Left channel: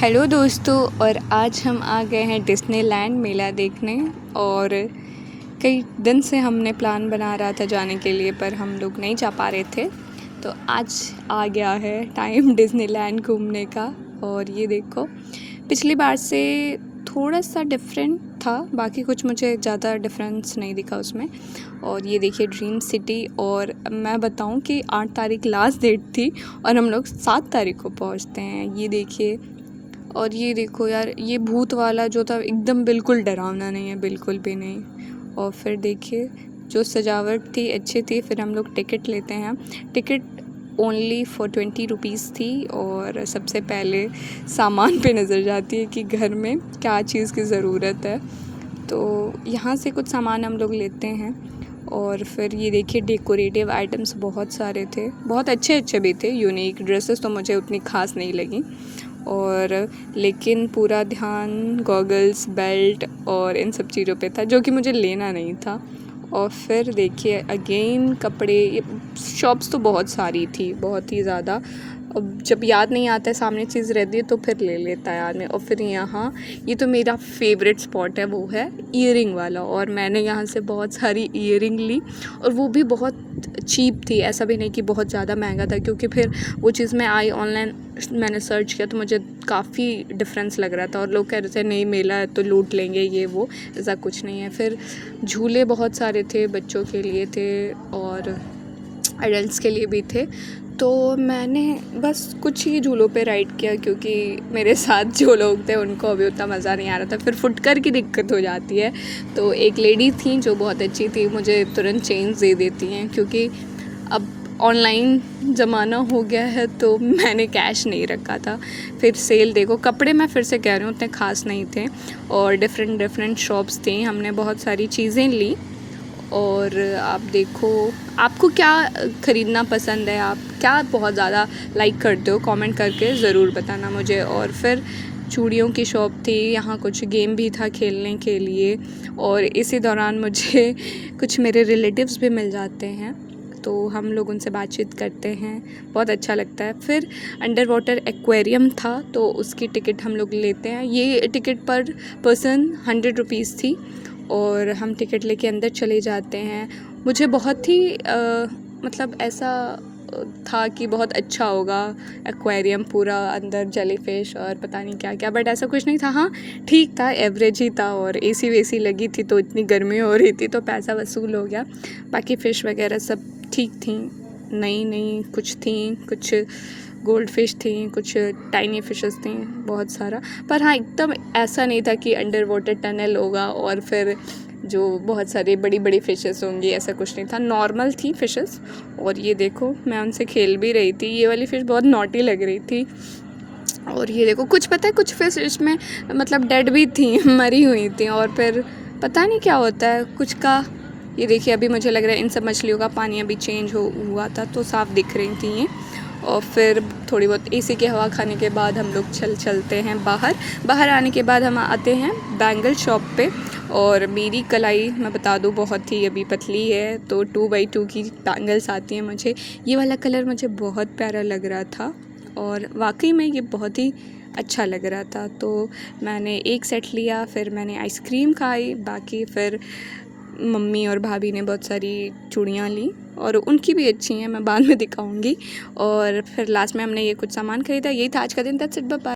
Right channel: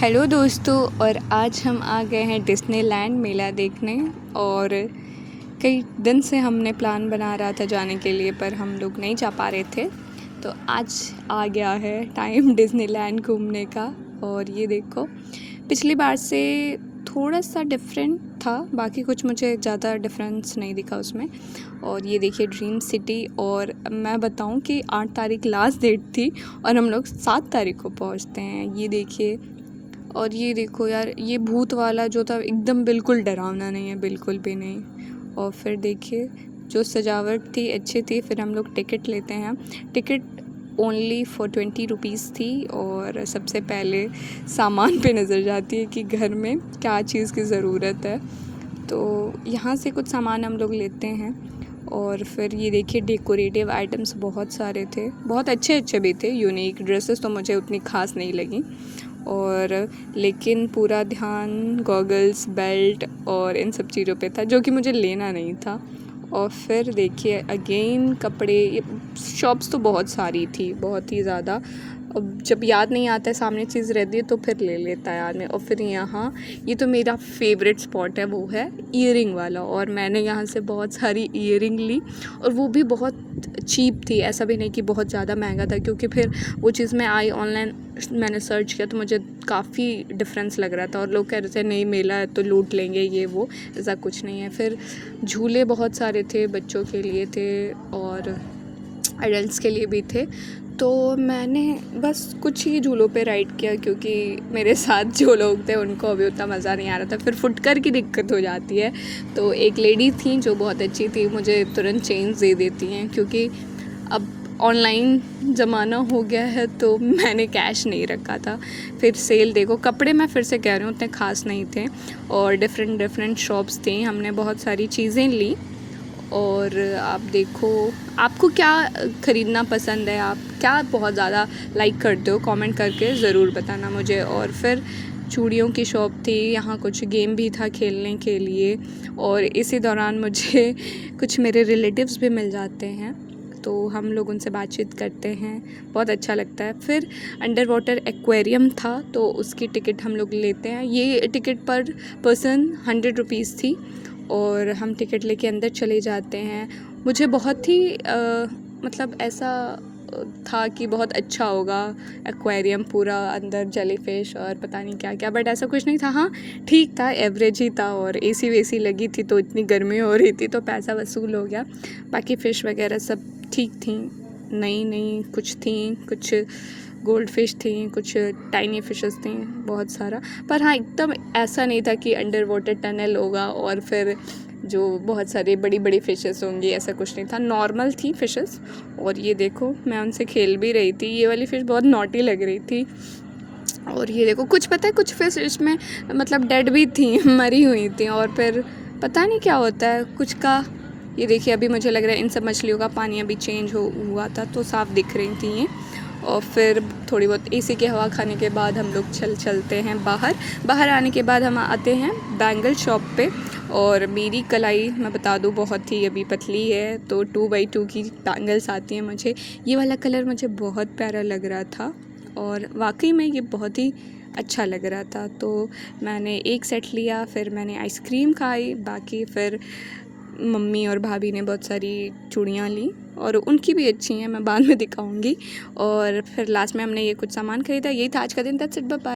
Hello दोस्तों, और आज हम आ गए हैं डिज्नीलैंड मेला देखने। और कई दिन से हमने प्लान बना रहा था जाने के लिए, पर हम लोग नहीं जा पा रहे थे। तो आज आ गया है टाइम डिज्नीलैंड घूमने का। और ये देखो, पिछली बार से थोड़ा सा डिफरेंट था, बाकी कुछ मुझे ज़्यादा डिफरेंस नहीं दिखा उसमें। और ये देखिए ड्रीम सिटी। और मैं बताऊं कि 8 तारीख लास्ट डेट थी और हम लोग 7 तारीख को पहुंचते हैं। ये देखिए, और ये देखो यार, ये भूत वाला जो था एकदम बिल्कुल डरावना नहीं है, बिल्कुल भी नहीं। और फिर देखिए जो सजावट थी अच्छी थी। फिर हम लोग टिकट लेते हैं। टिकट ओनली फॉर 20 रुपीज़ थी। और सबसे पहले सामान पे नज़र जाती है कि घर में क्या चीज़ की ज़रूरत है, तो यहाँ से कुछ सामान हम लोग लेते हैं। और फिर ये देखिए डेकोरेटिव आइटम्स बहुत सारे थे, बहुत अच्छे अच्छे भी थे। यूनिक ड्रेसेस तो मुझे उतनी खास नहीं लगी, और लेकिन पूरा ध्यान गॉगल्स, बेल्ट और इन सब चीज़ों पे था जो कि मुझे लेना नहीं था। और फिर देखिए अगेन कपड़े, शॉप्स तो बहुत सारी थी, बहुत ही ज़्यादा। अब जब याद नहीं आता है, सामने चीज़ रहती है तो फिर ले लेता है आदमी। और फिर यहाँ ये तो मेरा फेवरेट स्पॉट है, वो है ईयरिंग वाला। और मैंने यहाँ से बहुत सारी ईयरिंग ली, और वो भी बहुत चीप थी, ऐसा भी नहीं कि बहुत ज़्यादा महंगा था। क्योंकि फिर वो चीज़ में आई ऑनलाइन, मैंने सर्च किया तो मुझे काफ़ी डिफरेंस लग रहा था। और लोग कह रहे थे नहीं मेला है तो लूट लेंगे, ये वो, ऐसा कुछ नहीं है। फिर झूले बहुत सारे थे, बच्चों के लिए थे और एडल्ट्स के लिए भी थे। तो मैंने बस कुछ ही झूलों पे राइड किया, क्योंकि मेरे साथ जो लोग थे उनको अभी उतना मज़ा नहीं आ रहा था। फिर फुटकर की दिक्कत हो जाती है। तो एक लेडी थी जो बहुत अच्छी थी, मुझे तुरंत चेंज दे देती हैं, क्योंकि अब ऑनलाइन ज़माना हो गया है तो मैंने कैश नहीं रखा था। फिर सेल देखो, कपड़े मैं फिर से कह रही हूँ उतने ख़ास नहीं थे। और डिफरेंट शॉप्स थी, हमने बहुत सारी चीज़ें ली। और आप देखो, आपको क्या ख़रीदना पसंद है, आप क्या बहुत ज़्यादा लाइक करते हो, कमेंट करके ज़रूर बताना मुझे। और फिर चूड़ियों की शॉप थी, यहाँ कुछ गेम भी था खेलने के लिए। और इसी दौरान मुझे कुछ मेरे रिलेटिव्स भी मिल जाते हैं, तो हम लोग उनसे बातचीत करते हैं, बहुत अच्छा लगता है। फिर अंडर वाटर एक्वेरियम था, तो उसकी टिकट हम लोग लेते हैं। ये टिकट पर पर्सन 100 रुपीज़ थी, और हम टिकट लेके अंदर चले जाते हैं। मुझे बहुत ही मतलब ऐसा था कि बहुत अच्छा होगा एक्वेरियम, पूरा अंदर जेली फिश और पता नहीं क्या क्या, बट ऐसा कुछ नहीं था। हाँ ठीक था, एवरेज ही था। और एसी वेसी लगी थी तो इतनी गर्मी हो रही थी तो पैसा वसूल हो गया। बाकी फ़िश वगैरह सब ठीक थी, नई नई कुछ थी, कुछ गोल्ड फिश थी, कुछ टाइनी फिशेस थी, बहुत सारा। पर हाँ एकदम ऐसा नहीं था कि अंडर वाटर टनल होगा और फिर जो बहुत सारी बड़ी बड़ी फ़िशेस होंगी, ऐसा कुछ नहीं था, नॉर्मल थी फ़िशेस। और ये देखो मैं उनसे खेल भी रही थी, ये वाली फ़िश बहुत नॉटी लग रही थी। और ये देखो, कुछ पता है कुछ फिश इसमें मतलब डेड भी थी, मरी हुई थी। और फिर पता नहीं क्या होता है कुछ का। ये देखिए अभी मुझे लग रहा है इन सब मछलियों का पानी अभी चेंज हुआ था तो साफ़ दिख रही थी ये। और फिर थोड़ी बहुत एसी की हवा खाने के बाद हम लोग चलते हैं बाहर आने के बाद हम आते हैं बैंगल शॉप पे। और मेरी कलाई मैं बता दूँ बहुत ही अभी पतली है, तो 2x2 की बैंगल्स आती हैं मुझे। ये वाला कलर मुझे बहुत प्यारा लग रहा था, और वाकई में ये बहुत ही अच्छा लग रहा था। तो मैंने एक सेट लिया, फिर मैंने आइसक्रीम खाई, बाकी फिर मम्मी और भाभी ने बहुत सारी चूड़ियाँ ली, और उनकी भी अच्छी हैं, मैं बाद में दिखाऊंगी। और फिर लास्ट में हमने ये कुछ सामान ख़रीदा। यही था आज का दिन। That's it, bye bye.